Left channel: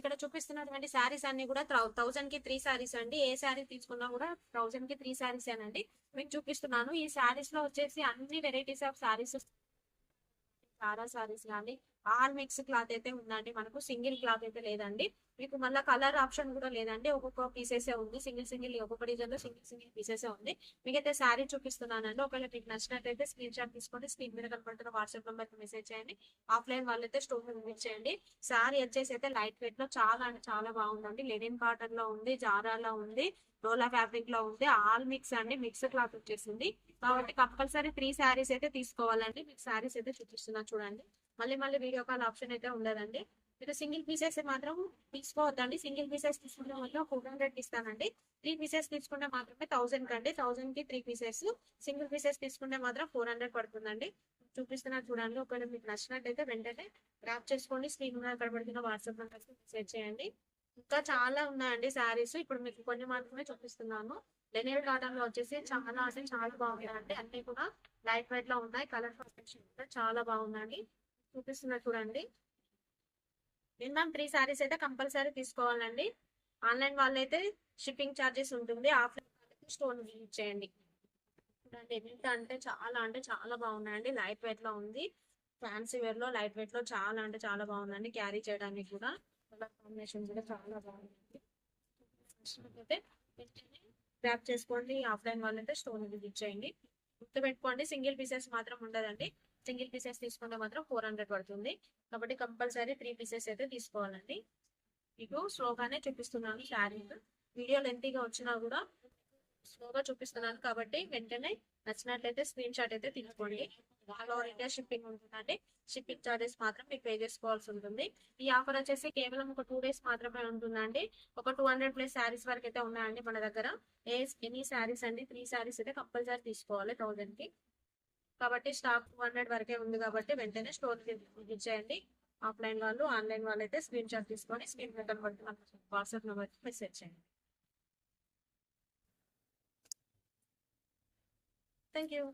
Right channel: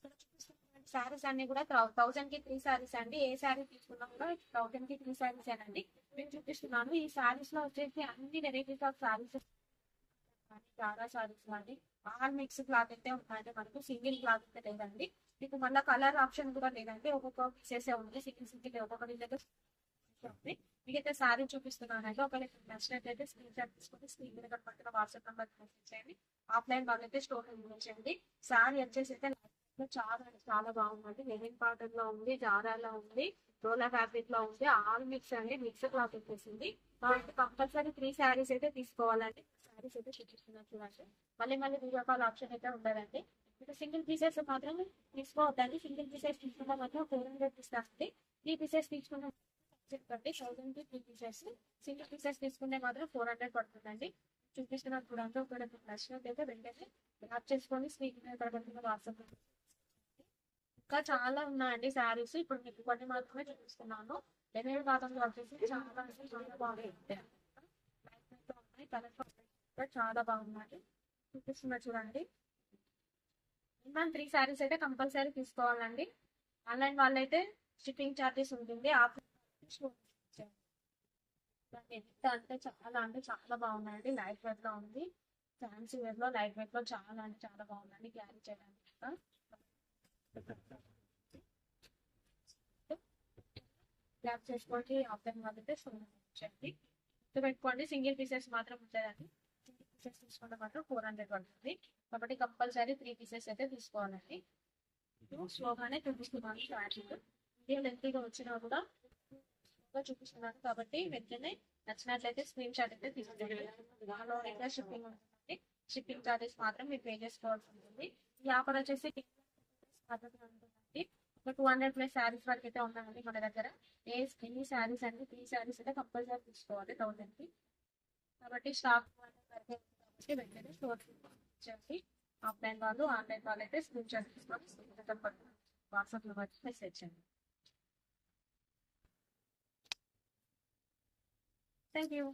ఇక్కడ చూపిస్తున్నటువంటి శారీస్ అన్ని కూడా 1000 కి 3 శారీస్ అండి. ఏ శారీ తీసుకున్నా కూడా 1000 కి 3 శారీస్ అండి మీకు చూపిస్తున్నాను. ఈ శారీస్ లో వచ్చేసి అన్ని వెరైటీస్ ఆఫ్ శారీస్, చాలా శారీస్ కానీ ఆల్ మిక్స్ క్లాత్ అయితే ఉందండి. మనకు సింగిల్ క్లాత్ అయితే లేదండి. మీకు మళ్ళీ కలర్ ఆప్షన్ కూడా లేదండి. ఒక్కొక్క పీసెస్ ఉంది, సింగిల్ ఒక్కొక్క డిజైన్ లో సింగిల్ పీసెస్ ఉంది. మీకైతే శారీ చూపిస్తున్నానండి. ఒకవేళ మీకు నచ్చినట్లయితే స్క్రీన్ షాట్ తీసుకోండి. స్క్రీన్ మీద కనపడుతున్న వాట్సాప్ నెంబర్ కి మెసేజ్ చేయండి. ఆఫ్లైన్ వాళ్ళైతే స్టోర్ విజిట్ చేయండి. శారీ వచ్చేసి అయితే లైట్ వెయిట్ లో చాలా అంటే చాలా బాగుందండి. లెనిన్ కాటన్ లో ఉంది, జారాలో ఉంది, డోలా ఫ్యాబ్రిక్ లో ఉంది. ఆల్ మిక్స్ అండి, మిక్స్ క్లాత్ వచ్చేసింది. కాబట్టి కంపల్సరీ 3 శారీస్ అయితే తీసుకోవాలండి. మీకు శారీస్ అయితే చూపిస్తున్నా చూడండి. మళ్ళీ వీడియో కాల్ ఆప్షన్ అయితే ఉండదండి. మీరు సింగిల్ పీసెస్ మాత్రం తీసుకోవద్దండి. సింగిల్ పీసెస్ తీసుకుంటే మాత్రం 400 ఇస్తానండి. 3 పీసెస్ తీసుకుంటే మాత్రమే 1000 కండి. 1000 కి 3 పీసెస్. సింగిల్ పీసెస్ తీసుకుంటే మాత్రం 400 పడుతుందండి. చూపిస్తున్నా చూడండి. ఒకవేళ మీకు నచ్చినట్టయితే వెంటనే గ్రాప్ చేసుకోండి. స్క్రీన్ మీద కనబడుతున్న వాట్సాప్ నెంబర్ మెసేజ్ చేయండి. ఇంకా చాలా ఉన్నాయండి శారీస్. ఇప్పుడు మీకు కొన్ని మాత్రమే చూపిస్తున్నాను. లెనిన్ కాటన్ లో వచ్చేసి చాలా అంటే చాలా బాగున్నాయండి. అన్ని కూడా లైట్ వెయిట్ లో ఉన్నాయి. కలర్ కాంబినేషన్ కూడా చాలా బాగుందండి. చూపిస్తున్నా చూడండి. మినిమం 3 శారీస్ అయితే కంపల్సరీ తీసుకోవాలండి. ఆన్లైన్ వాళ్ళైతే షిప్పింగ్ ఛార్జెస్ ఉంటుంది. ఆఫ్లైన్ వాళ్ళైతే స్టోర్ విజిట్ చేయండి. చూడండి ఎంత అంటే చాలా బాగున్నాయండి. లైట్ వెయిట్ లో ఉంది. ఫ్యాన్సీ వేర్ లో లైట్ వెయిట్ లో చాలా అంటే చాలా బాగుందండి. క్యారీ చేయడానికి కూడా కలర్ కాంబినేషన్ కూడా చాలా బాగుంది. గ్రాప్ చేసుకోండి. ఆఫ్లైన్ వాళ్ళైతే స్టోర్ విజిట్ చేయండి. గుర్తుపెట్టుకోండి, సింగిల్ పీసెస్ మాత్రం ఉండదండి. సింగిల్ పీసెస్ తీసుకుంటే మాత్రం 400 పడుతుంది. కాబట్టి కంపల్సరీ 3 పీసెస్ అయితే తీసుకోవాలండి. మీకు స్లోగానే చూపిస్తున్నాను. శారీ వీడియో లెంతీగా వచ్చినా కూడా స్లోగా చూపిస్తున్నాను. కాబట్టి వెంటనే నచ్చినట్లయితే స్క్రీన్ షాట్ అయితే తీసుకోండి. ఆల్ ఓవర్ ఇండియా షిప్పింగ్ ఉంటుందండి. షిప్పింగ్ చార్జెస్ మాత్రం మీరు పే చేసుకోవాల్సి ఉంటుంది. ఈ ఆఫర్ వచ్చేసి కేవలం ఒక 2 డేస్ మాత్రమే ఉంటుందండి. ఒక 200+ శారీస్ వరకు అయితే ఉన్నాయండి మన దగ్గర. ఎనీ శారీస్ అండి, 3 శారీస్ అయితే కంపల్సరీ తీసుకోవాలి 1000 కి. కాబట్టి స్టాక్ 200 వరకే ఉంది. కాబట్టి వెంటనే స్టోర్ విజిట్ చేయండి. ఆఫ్లైన్ వాళ్ళు, ఆన్లైన్ వాళ్ళు అయితే స్క్రీన్ షాట్ తీసుకొని స్క్రీన్ మీద కనబడుతున్న వాట్సాప్ నెంబర్ మెసేజ్ చేయండి. Thank you.